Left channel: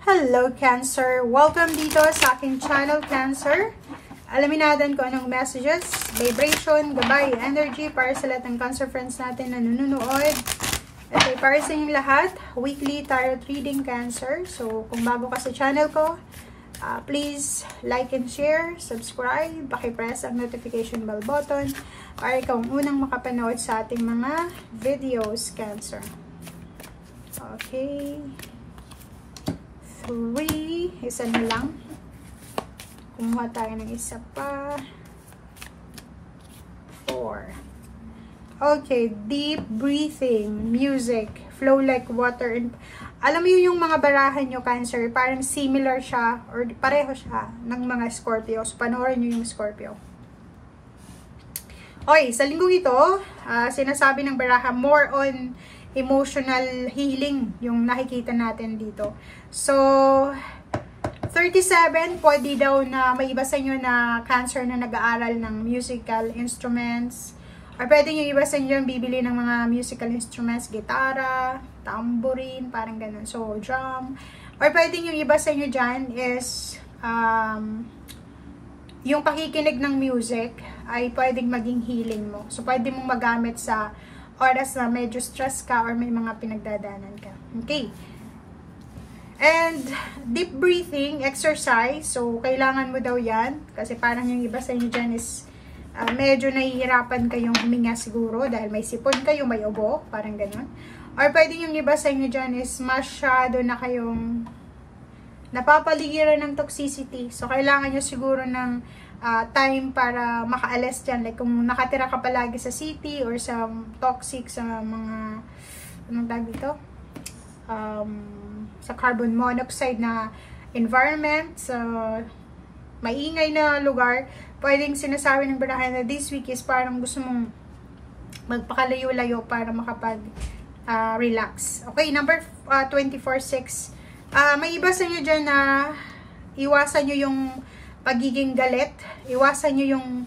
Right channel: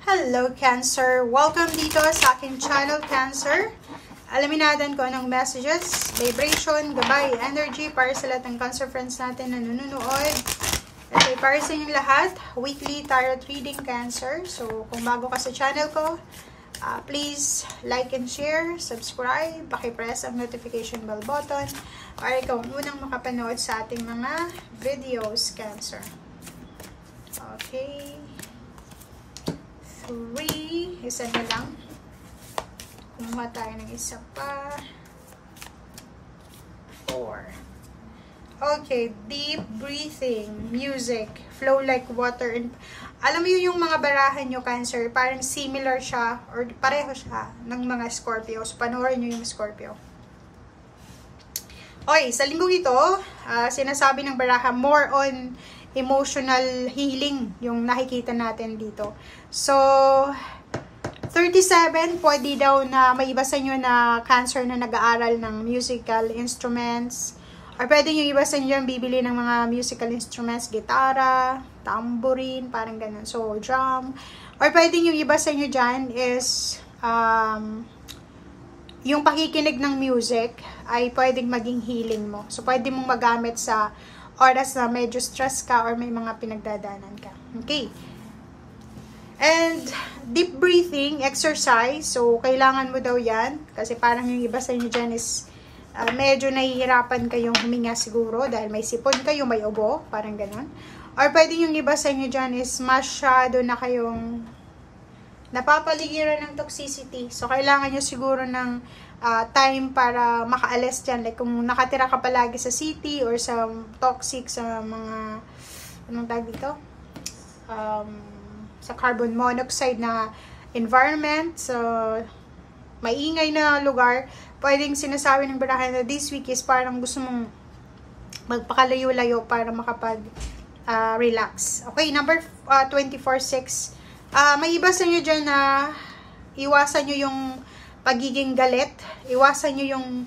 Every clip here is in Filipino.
Hello Cancer! Welcome dito sa aking channel Cancer. Alamin natin kung anong messages, vibration, gabay, energy para sa lahat ng Cancer friends natin na nanonood. Ito ay para sa inyong lahat, weekly tarot reading Cancer. So kung bago ka sa channel ko, please like and share, subscribe, paki-press ang notification bell button para ikaw ang unang makapanood sa ating mga videos Cancer. Okay. 3, isa na lang. Kumuha tayo ng isa pa. 4. Okay, deep breathing, music, flow like water. And alam mo yung mga barahan nyo, Cancer, parang similar siya or pareho siya ng mga Scorpio. So, panoorin nyo yung Scorpio. Okay, sa linggong ito, sinasabi ng baraha, more on emotional healing yung nakikita natin dito. So, 37, pwede daw na may iba sa inyo na Cancer na nag-aaral ng musical instruments. Or pwede yung iba sa inyo bibili ng mga musical instruments, gitara, tambourine, parang ganun. So, drum. Or pwede yung iba sa inyo dyan is yung pakikinig ng music ay pwedeng maging healing mo. So, pwede mong magamit sa oras na medyo stress ka or may mga pinagdadaanan ka. Okay. And deep breathing, exercise. So, kailangan mo daw yan. Kasi parang yung iba sa inyo dyan is medyo nahihirapan kayong huminga siguro dahil may sipon kayo, may ubo, parang ganun. Or pwede yung iba sa inyo dyan is masyado na kayong napapaligiran ng toxicity. So, kailangan nyo siguro ng time para makaalis dyan. Like, kung nakatira ka palagi sa city or sa toxic, sa mga, anong tawag dito? Sa carbon monoxide na environment, sa maingay na lugar, pwedeng sinasabi ng barahan na this week is parang gusto mong magpakalayo-layo para makapag-relax. Okay, number 24-6. May iba sa inyo dyan na iwasan nyo yung pagiging galit, iwasan nyo yung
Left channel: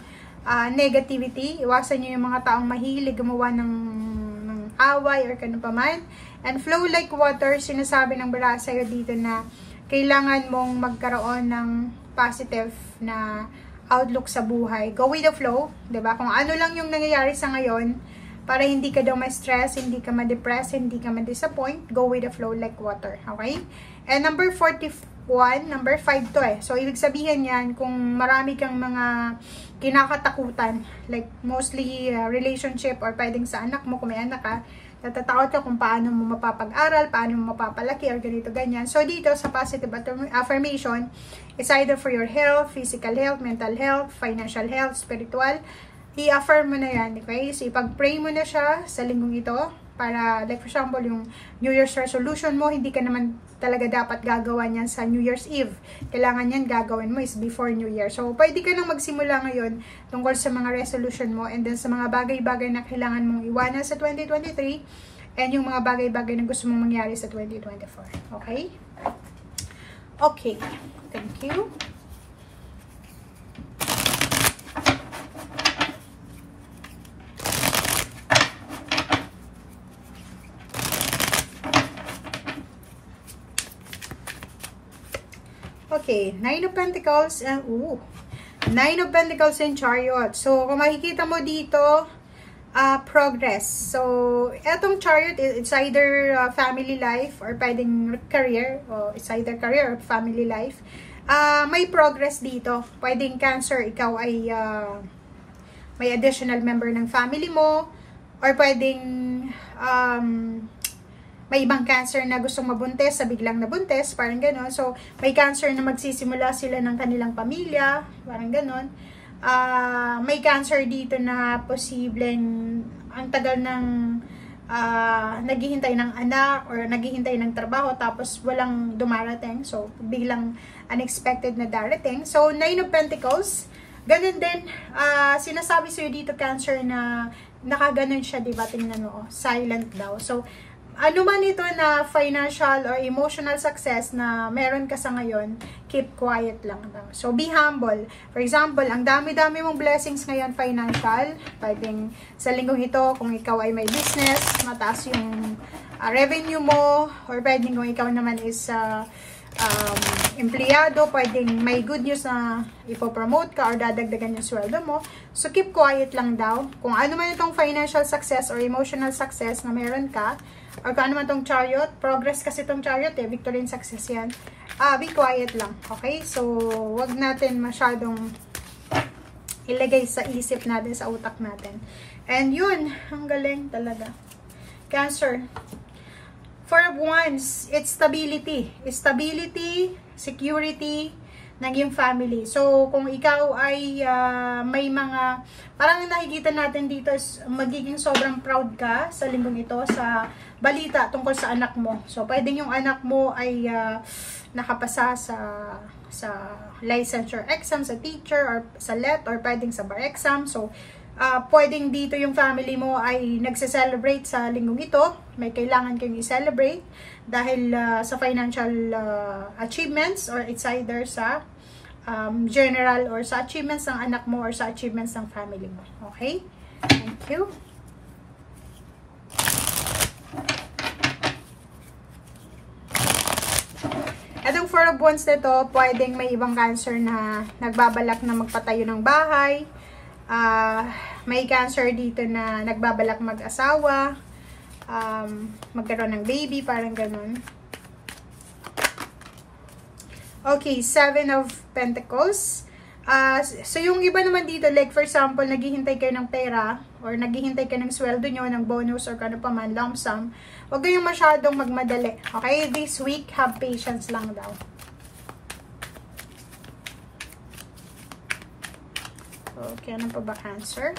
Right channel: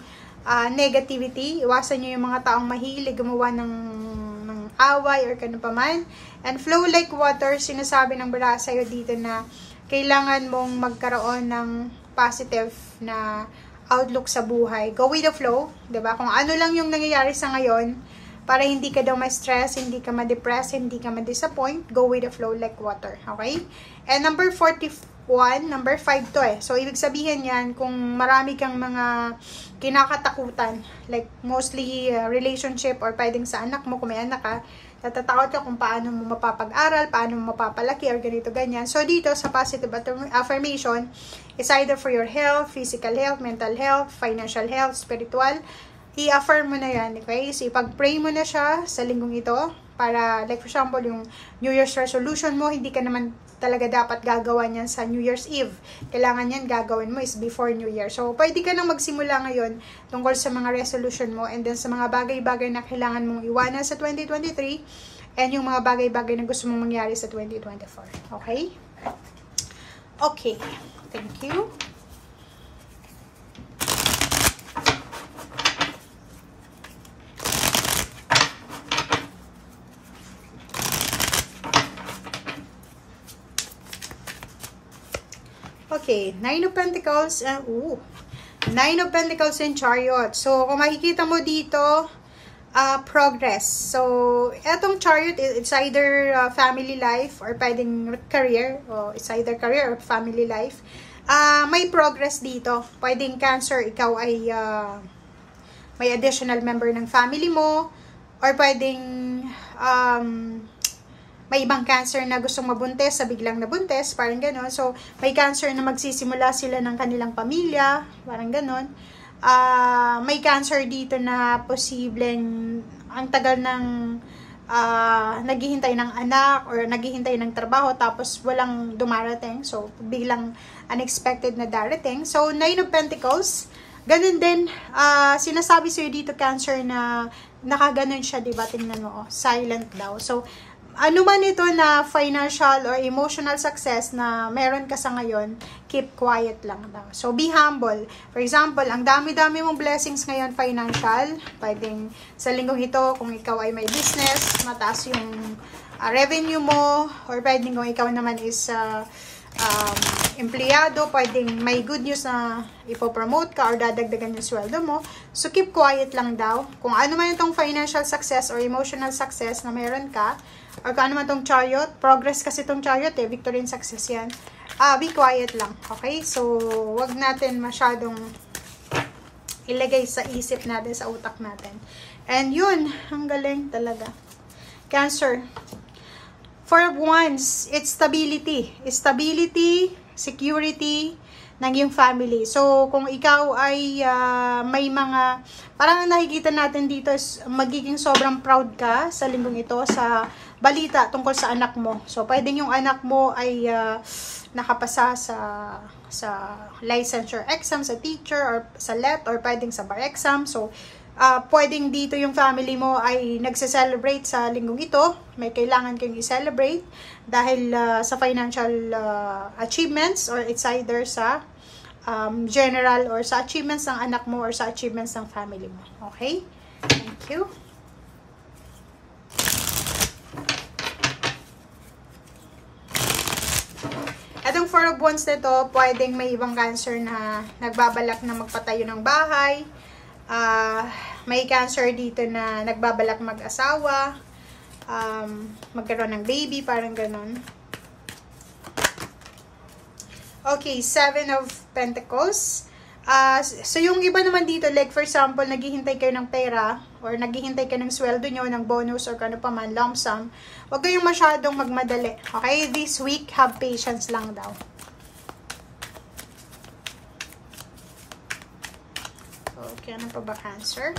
negativity, iwasan nyo yung mga taong mahilig gumawa ng away or kano pa man. And flow like water, sinasabi ng baraha sa'yo dito na kailangan mong magkaroon ng positive na outlook sa buhay. Go with the flow, 'di ba? Kung ano lang yung nangyayari sa ngayon, para hindi ka daw ma-stress, hindi ka ma-depress, hindi ka ma-disappoint, go with the flow like water, okay? And number 41, number 5 to eh. So, ibig sabihin yan, kung marami kang mga kinakatakutan, like mostly relationship or pwedeng sa anak mo, kung may anak ka, natatakot ka kung paano mo mapapag-aral, paano mo mapapalaki, or ganito, ganyan. So, dito sa positive affirmation, it's either for your health, physical health, mental health, financial health, spiritual, i-affirm mo na yan, okay? So, ipag-pray mo na siya sa linggong ito, para, like for example, yung New Year's resolution mo, hindi ka naman talaga dapat gagawa niyan sa New Year's Eve. Kailangan yan gagawin mo is before New Year. So, pwede ka nang magsimula ngayon tungkol sa mga resolution mo and then sa mga bagay-bagay na kailangan mong iwanan sa 2023 and yung mga bagay-bagay na gusto mong mangyari sa 2024. Okay? Okay. Thank you. Okay, 9 of Pentacles and 9 of Pentacles and Chariot. So, kung makikita mo dito, progress. So, etong Chariot, it's either family life or pwedeng career. O it's either career or family life. May progress dito. Pwedeng Cancer, ikaw ay may additional member ng family mo. Or pwedeng may ibang Cancer na gustong mabuntis sa biglang nabuntis, parang gano'n. So, may Cancer na magsisimula sila ng kanilang pamilya, parang gano'n. May Cancer dito na posibleng ang tagal ng naghihintay ng anak or naghihintay ng trabaho tapos walang dumarating. So, biglang unexpected na darating. So, 9 of Pentacles. Ganun din, sinasabi sa'yo dito, Cancer, na nakaganon siya, diba? Tingnan mo, silent daw. So, ano man ito na financial or emotional success na meron ka sa ngayon, keep quiet lang daw. So, be humble. For example, ang dami-dami mong blessings ngayon financial. Pwedeng sa linggong ito, kung ikaw ay may business, mataas yung revenue mo, or pwedeng kung ikaw naman is empleyado, pwedeng may good news na ipopromote ka or dadagdagan yung sweldo mo. So, keep quiet lang daw. Kung ano man itong financial success or emotional success na meron ka, or kung ano man itong chariot, progress kasi itong chariot victory and success yan. Be quiet lang, okay? So, wag natin masyadong ilagay sa isip natin, sa utak natin. And yun, ang galing talaga. Cancer. Four of Wands, it's stability. Stability, security ng iyong family. So, kung ikaw ay may mga, parang nakikita natin dito is magiging sobrang proud ka sa linggong ito sa balita tungkol sa anak mo. So, pwedeng yung anak mo ay nakapasa sa licensure exam, sa teacher, or sa LET, or pwedeng sa bar exam. So, pwedeng dito yung family mo ay nagse-celebrate sa linggong ito. May kailangan kayong i-celebrate dahil sa financial achievements, or it's either sa general or sa achievements ng anak mo or sa achievements ng family mo. Okay? Thank you. Itong Four of Wands nito, pwedeng may ibang Cancer na nagbabalak na magpatayo ng bahay. May Cancer dito na nagbabalak mag-asawa, magkaroon ng baby, parang ganun. Okay, Seven of Pentacles. So yung iba naman dito, like for example, naghihintay kayo ng pera or naghihintay kayo ng sweldo nyo, ng bonus or kano pa man, lump sum. Huwag kayong masyadong magmadali. Okay? This week, have patience lang daw. Okay, ano pa ba, Cancer?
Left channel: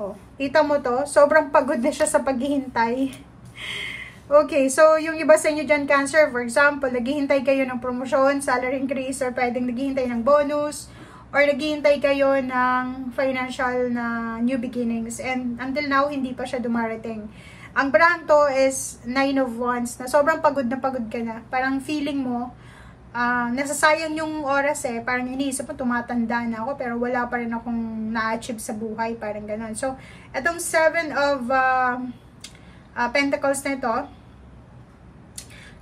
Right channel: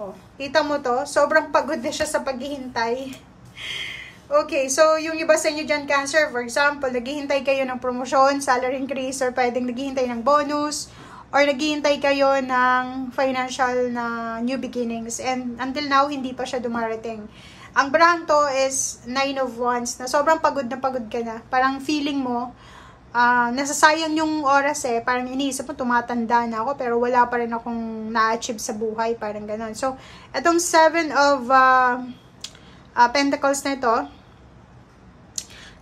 Oh, kita mo to, sobrang pagod na siya sa paghihintay. Okay, so yung iba sa inyo dyan, Cancer, for example, naghihintay kayo ng promotion, salary increase, or pwedeng naghihintay ng bonus, or naghihintay kayo ng financial na new beginnings, and until now, hindi pa siya dumarating. Ang brand to is Nine of Wands, na sobrang pagod na pagod ka na. Parang feeling mo, nasasayang yung oras parang iniisip mo, tumatanda na ako, pero wala pa rin akong na-achieve sa buhay, parang ganon. So, itong Seven of Pentacles na ito,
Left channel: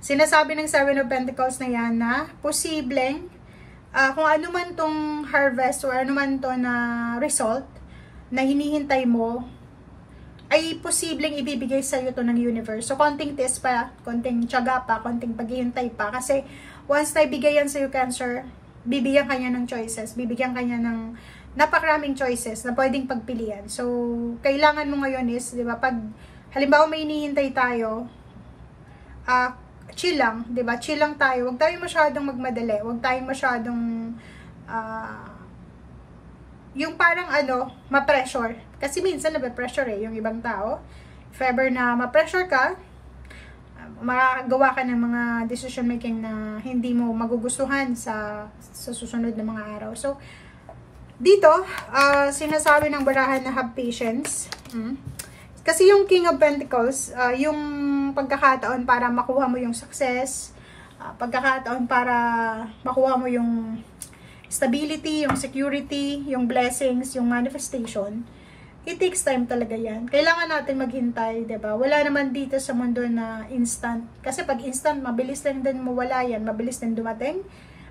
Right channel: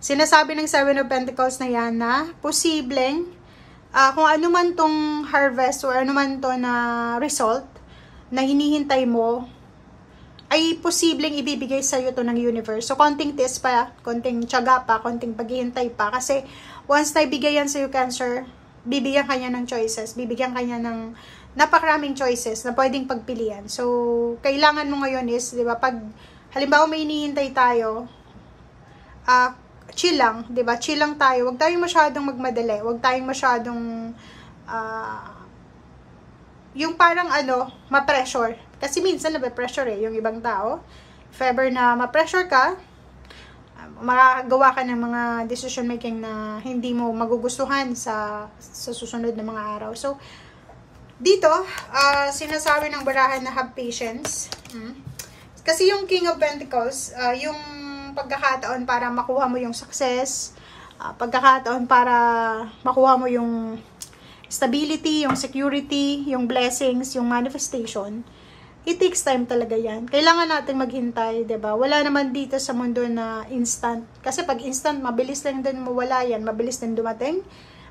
sinasabi ng Seven of Pentacles na yan na posibleng kung ano man tong harvest or ano man to na result na hinihintay mo, ay posibleng ibibigay sa iyo to ng universe. So, konting test pa, konting tiyaga pa, konting paghihintay pa. Kasi, once na ibigay yan sa iyo, Cancer, bibigyan kanya ng choices. Bibigyan kanya ng napakaraming choices na pwedeng pagpilian. So, kailangan mo ngayon is, di ba, pag halimbawa may hinihintay tayo, chill lang, di ba? Chill lang tayo. Huwag tayong masyadong magmadali. Huwag tayong masyadong, yung parang ma-pressure. Kasi minsan nabe-pressure yung ibang tao. If ever na ma-pressure ka, makagawa ka ng mga decision making na hindi mo magugustuhan sa susunod na mga araw. So, dito, sinasabi ng barahan na have patience. Kasi yung King of Pentacles, yung pagkakataon para makuha mo yung success, pagkakataon para makuha mo yung stability, yung security, yung blessings, yung manifestation, it takes time talaga yan. Kailangan natin maghintay, 'di ba? Wala naman dito sa mundo na instant. Kasi pag instant, mabilis lang din mawala yan. Mabilis din dumating.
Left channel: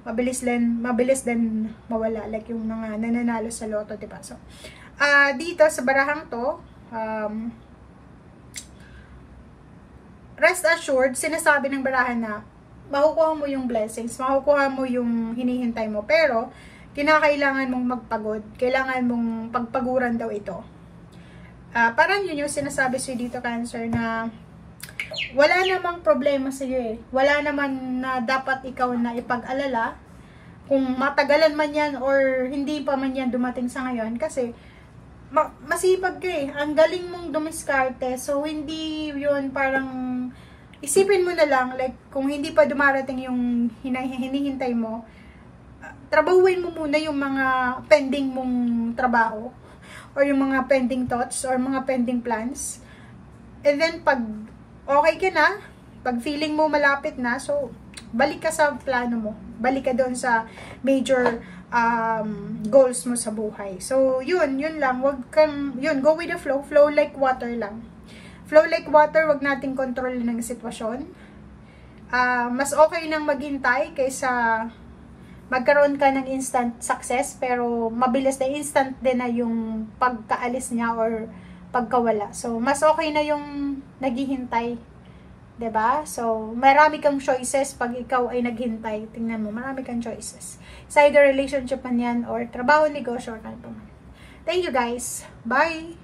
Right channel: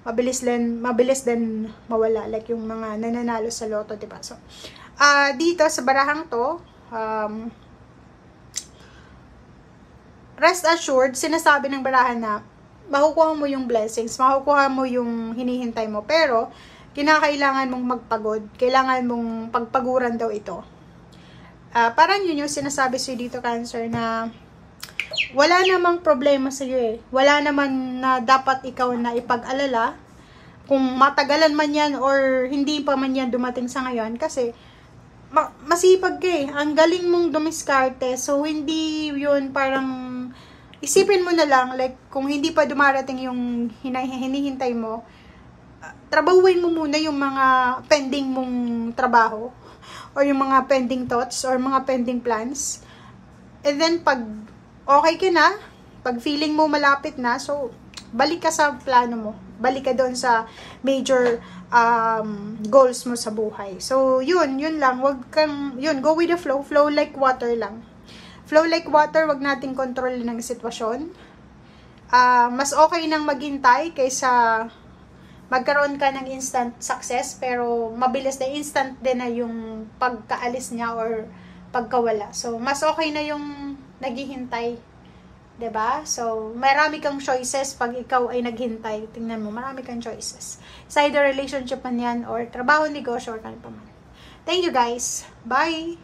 Mabilis din mawala. Like yung mga nananalo sa loto, 'di ba? So, dito sa barahang to, rest assured, sinasabi ng barahan na makukuha mo yung blessings, makukuha mo yung hinihintay mo. Pero, kinakailangan mong magpagod. Kailangan mong pagpaguran daw ito. Parang yun yung sinasabi sa'yo dito, Cancer, na wala namang problema sa'yo Wala naman na dapat ikaw na ipag-alala kung matagalan man yan or hindi pa man yan dumating sa ngayon. Kasi, masipag ka Ang galing mong dumiskarte. So, hindi yun parang isipin mo na lang, like, kung hindi pa dumarating yung hinihintay mo, trabahuin mo muna yung mga pending mong trabaho or yung mga pending thoughts or mga pending plans. And then, pag okay ka na, pag feeling mo malapit na, so, balik ka sa plano mo. Balik ka doon sa major goals mo sa buhay. So, yun lang. Wag kang, go with the flow. Flow like water lang. Flow like water, wag nating kontrolin ng sitwasyon. Mas okay nang maghintay kaysa magkaroon ka ng instant success, pero mabilis na instant din na yung pagkaalis niya or pagkawala. So, mas okay na yung naghihintay. 'Di ba? So, marami kang choices pag ikaw ay naghintay. Tingnan mo, marami kang choices. Sa either relationship man yan, or trabaho, negosyo, or ano pa man. Thank you guys. Bye!